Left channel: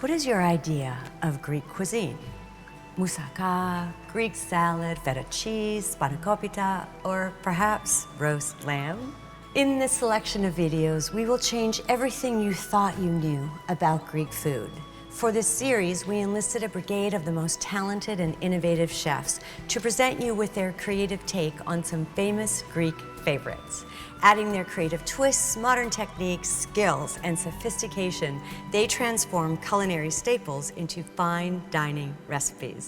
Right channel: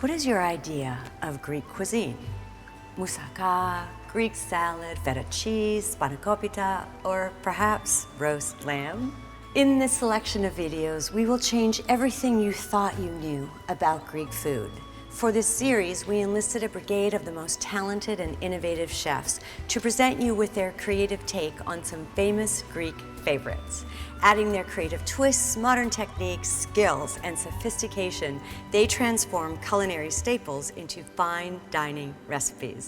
What is your idea of Greek cuisine? Moussaka, Greek salad, feta cheese, spanakopita, or perhaps roast lamb? In this selection of videos, we will change everything you thought you knew about Greek food. For this series, we enlisted a brigade of the most talented and innovative chefs to present you with their creative take on some famous Greek favorites. Adding their creative twists, modern techniques, skills, and sophistication, they transform culinary staples into fine dining recipes.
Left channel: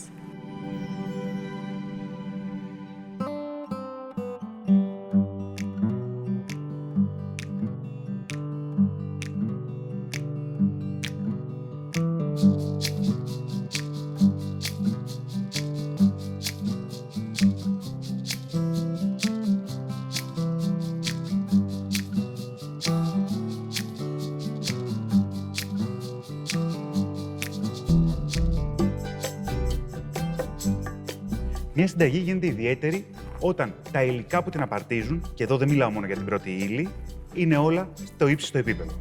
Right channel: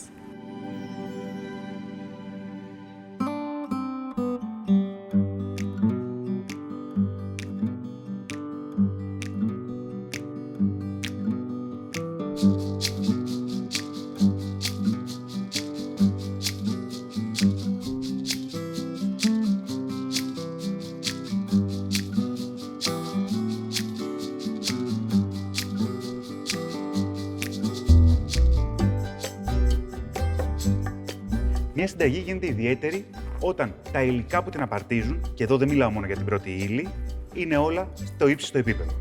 Μια συνταγή γίνεται ιδιαίτερη όταν τα υλικά που την απαρτίζουν, και εδώ δεν μιλάω μόνο για την πρώτη ύλη, είναι όλα στο ύψιστο επίπεδο.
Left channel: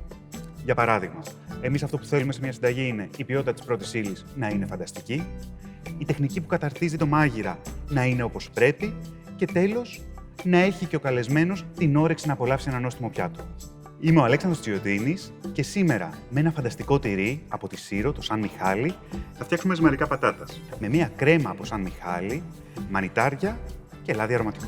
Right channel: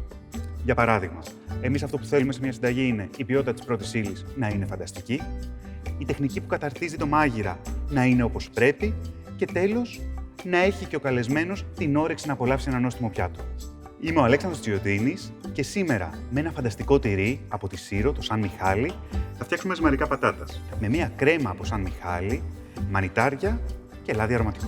Για παράδειγμα, εμείς αυτό που θέλουμε σε μια συνταγή είναι η ποιότητα της πρώτης ύλης να είναι φανταστική, η τεχνική που καταρτίζει το μάγειρα να είναι όπως πρέπει και τέλος, να έχει και ο καλεσμένος την όρεξη να απολαύσει ένα νόστιμο πιάτο. Είμαι ο Αλέξανδρος Τσιωτίνης και σήμερα με ένα φανταστικό τυρί από τη Σύρο, το Σαν Μιχάλη, θα φτιάξουμε ζυμαρικά πατάτας με μια κρέμα από Σαν Μιχάλη, μανιτάρια και λάδι αρωματικό.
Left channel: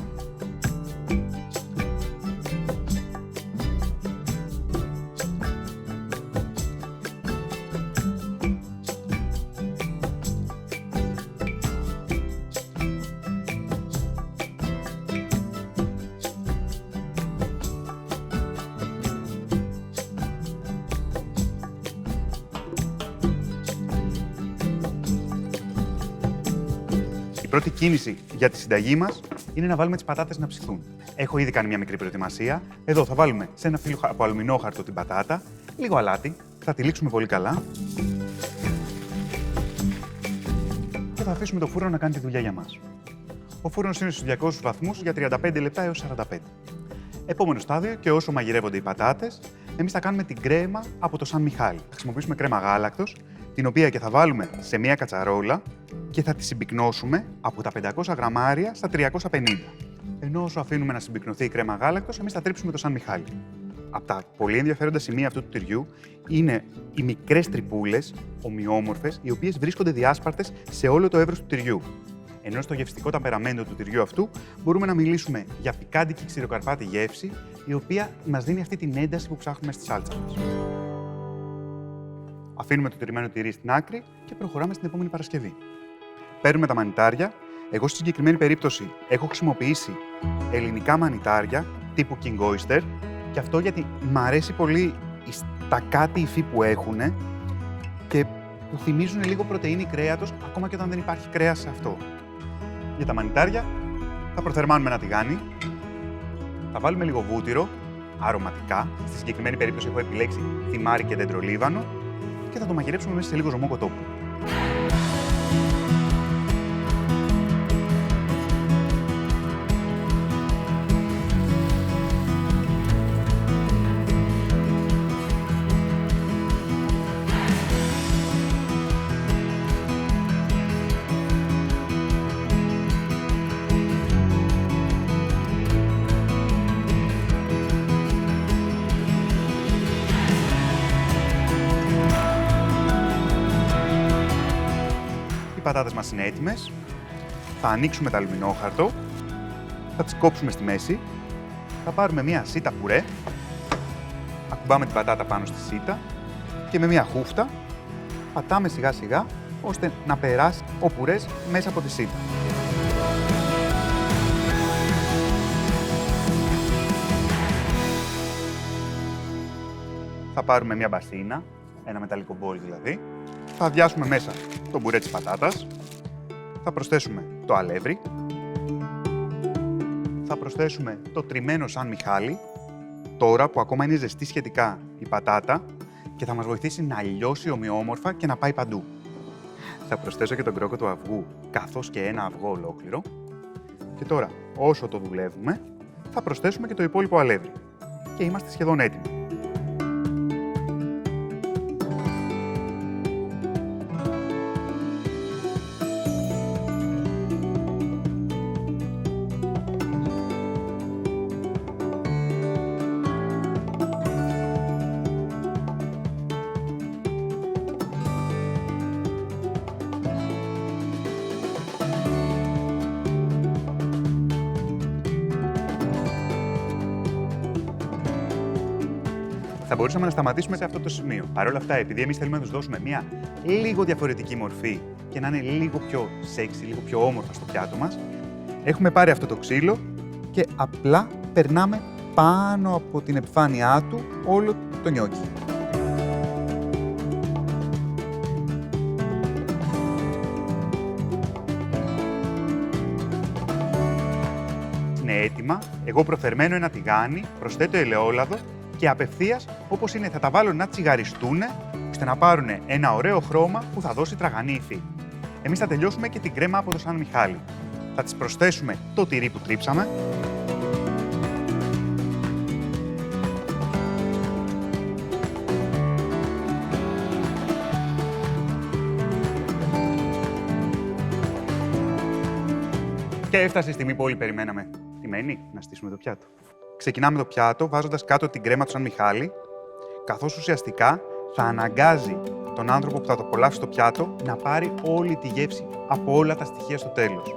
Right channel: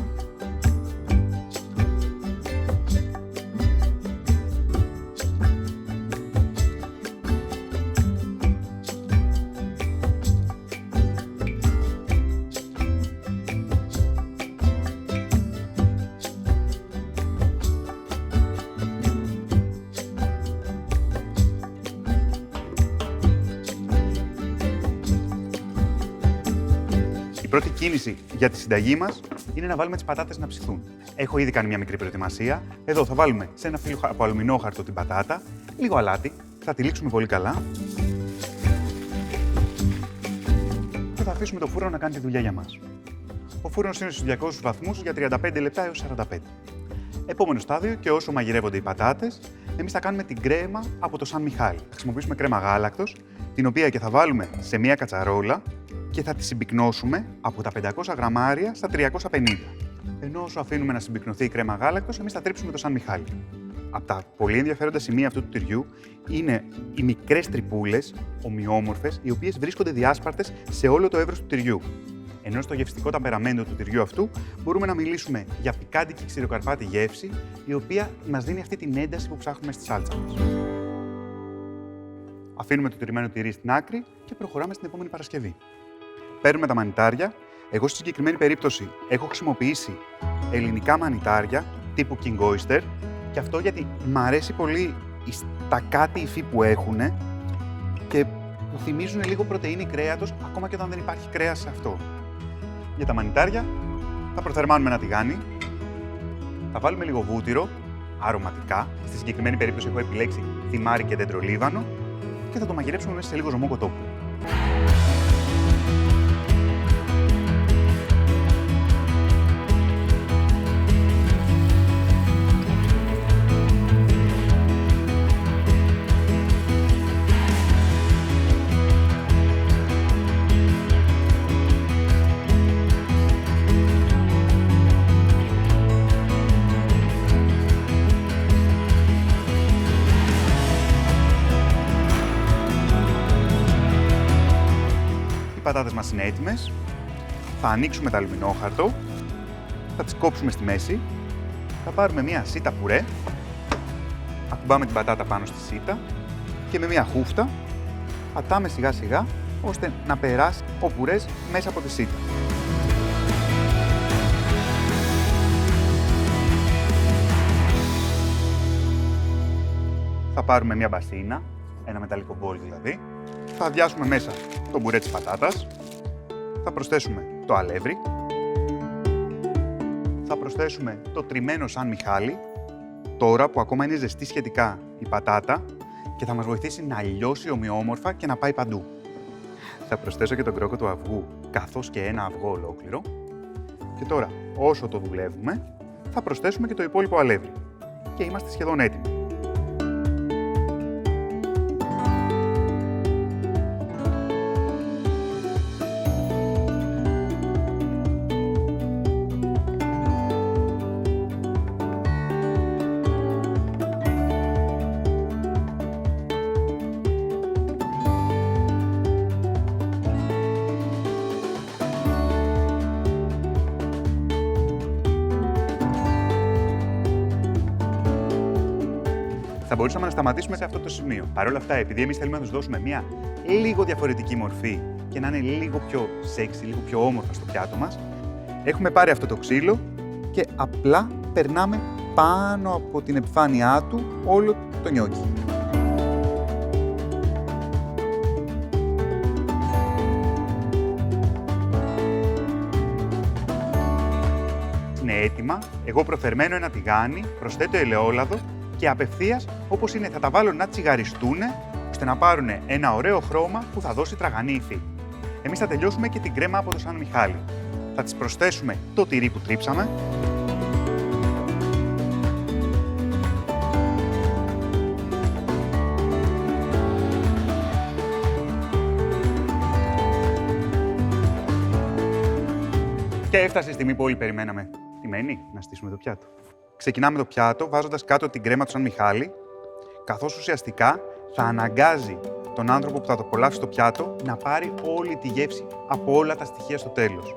Η πρώτη κίνηση για τη συνταγή μας είναι να βάλουμε τις πατάτες να ψηθούν. Έχω ήδη κάνει μια μικρή προετοιμασία. Εδώ θα βάλουμε σε ένα φύλλο από αλουμινόχαρτο την πατάτα, λίγο αλάτι, θα τυλίξουμε πολύ καλά και θα αφήσουμε το φούρνο να κάνει τη δουλειά για μας. Ο φούρνος είναι στους 200 βαθμούς για 35 λεπτά έως 45. Επόμενο στάδιο, και όσο μαγειρεύονται οι πατάτες, εμείς θα κάνουμε την κρέμα από το Σαν Μιχάλη. Θα χρησιμοποιήσουμε κρέμα γάλακτος, την οποία και θα βάλουμε σε μια κατσαρόλα και θα τη συμπυκνώσουμε από τα 500 γραμμάρια στα 350. Ενώ όσο αφήνουμε να συμπυκνωθεί η κρέμα γάλακτος, εμείς θα τρίψουμε το Σαν Μιχάλη. Από τα πολύ ενδιαφέροντα σημεία αυτού του τυριού είναι οι μικρές τρυπούλες, ομοιόμορφες, οι οποίες βρίσκονται διάσπαρτες σε όλο το εύρος του τυριού. Ενώ στο γευστικό ταμπεραμέντο του τυριού αυτού μπορούμε να μιλήσουμε για πικάντικη ξηροκαρπάτη γεύση, η οποία μας δίνει αυτή την ένταση που ψάχνουμε στη σάλτσα μας. Αφήνουμε το τυριμμένο τυρί στην άκρη και προχωράμε στην επόμενη Παρασκευή. Παίρνουμε τα μανιτάρια. Εγώ στη συγκεκριμένη περίπτωση έχω χρησιμοποιήσει ελληνικά μανιτάρια τύπου King Oyster, και αυτό γιατί μ' αρέσει πολύ η στακάτη υφή που έχουν και που θυμίζουν λίγο πρωτεΐνη κρέατος, ακόμα και όταν δεν υπάρχει κρέας σε αυτό. Για τα μανιτάρια θα προθερμάνουμε ένα τηγάνι, θα βάλουμε λίγο βούτυρο, αρωματικά. Στη συγκεκριμένη περίπτωση έχω επιλέξει θυμάρι και δέντρο λίβανο και θα το μαγειρέψουμε μέσα σε λίγο ζωμό κοτόπουλο. Οι πατάτες μας είναι έτοιμες. Θα ανοίξουμε το αλουμινόχαρτο, θα τις κόψουμε στη μέση, θα πάρουμε μία σίτα πουρέ, ακουμπάμε την πατάτα πάνω στη σίτα και με μία χούφτα πατάμε σιγά σιγά ώστε να περάσει ο πουρές μέσα από τη σίτα. Θα πάρουμε μία μπασίνα, ένα μεταλλικό μπολ δηλαδή, θα αδειάσουμε μέσα το μπουρέ της πατάτας, θα προσθέσουμε το αλεύρι, θα προσθέσουμε το τριμμένο Σαν Μιχάλη, τώρα που ακόμα είναι ζεστή σχετικά η πατάτα και θα μας βοηθήσει να λιώσει ομοιόμορφα και να πάει παντού. Θα προσθέσω και τον κρόκο του αυγού, καθώς και ένα αυγό ολόκληρο. Και τώρα, όσο το δουλεύουμε, θα προσθέσουμε και το υπόλοιπο αλεύρι. Και είμαστε σχεδόν έτοιμοι. θα μπορούσαμε να σταματήσουμε σε αυτό το σημείο. Παρ' όλα αυτά, επειδή εμείς θέλουμε να τους δώσουμε μια λίγο διαφορετική μορφή και να είναι λίγο πιο sexy, λίγο πιο όμορφα στο πιάτο μας, έχουμε πάρει αυτό το ξύλο και απλά περνάμε πάνω από την επιφάνειά του όλο το νιόκι. Είναι έτοιμα, εγώ προφερμένω ένα τηγάνι, προσθέτω ελαιόλαδο και απευθείας, όπως είναι, θα τα βάλω να τσιγαριστούν, ώστε να πάρουν ένα ωραίο χρώμα που θα δώσει τραγανή υφή. Εμείς θα τελειώσουμε και την κρέμα από το Σαν Μιχάλη. Θα τις προσθέσουμε το τυρί που τρίψαμε. Και έφτασε η στιγμή που όλοι περιμέναμε. Τι μένει? Να στήσουμε το πιάτο. Ξεκινάμε το πιάτο βάζοντας κάτω την κρέμα του Σαν Μιχάλη, καθώς ουσιαστικά θα αναγκάζει τον άνθρωπο που θα το απολαύσει το πιάτο να πάρει όλη τη γεύση από όλα τα στοιχεία στο τέλος.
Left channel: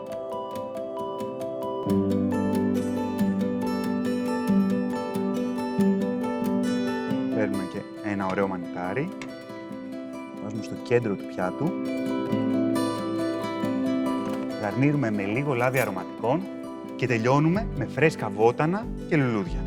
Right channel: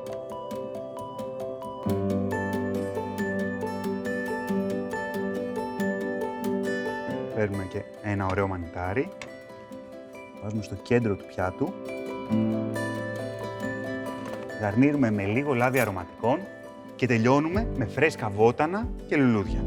Παίρνουμε και ένα ωραίο μανιτάρι, βάζουμε στο κέντρο του πιάτου, γαρνίρουμε με λίγο λάδι αρωματικών και τελειώνουμε με φρέσκα βότανα και λουλούδια.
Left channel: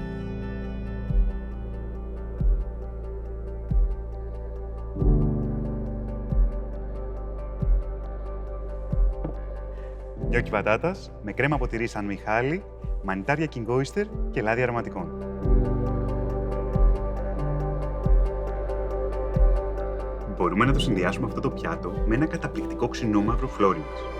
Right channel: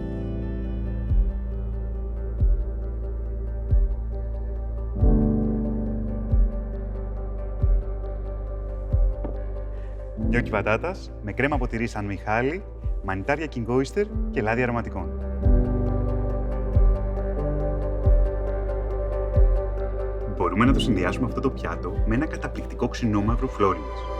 Νιόκι πατάτας με κρέμα από τυρί Σαν Μιχάλη, μανιτάρια King Oyster και λάδι αρωματικών. Μπορούμε να το συνδυάσουμε αυτό το πιάτο με ένα καταπληκτικό ξινόμαυρο Florence.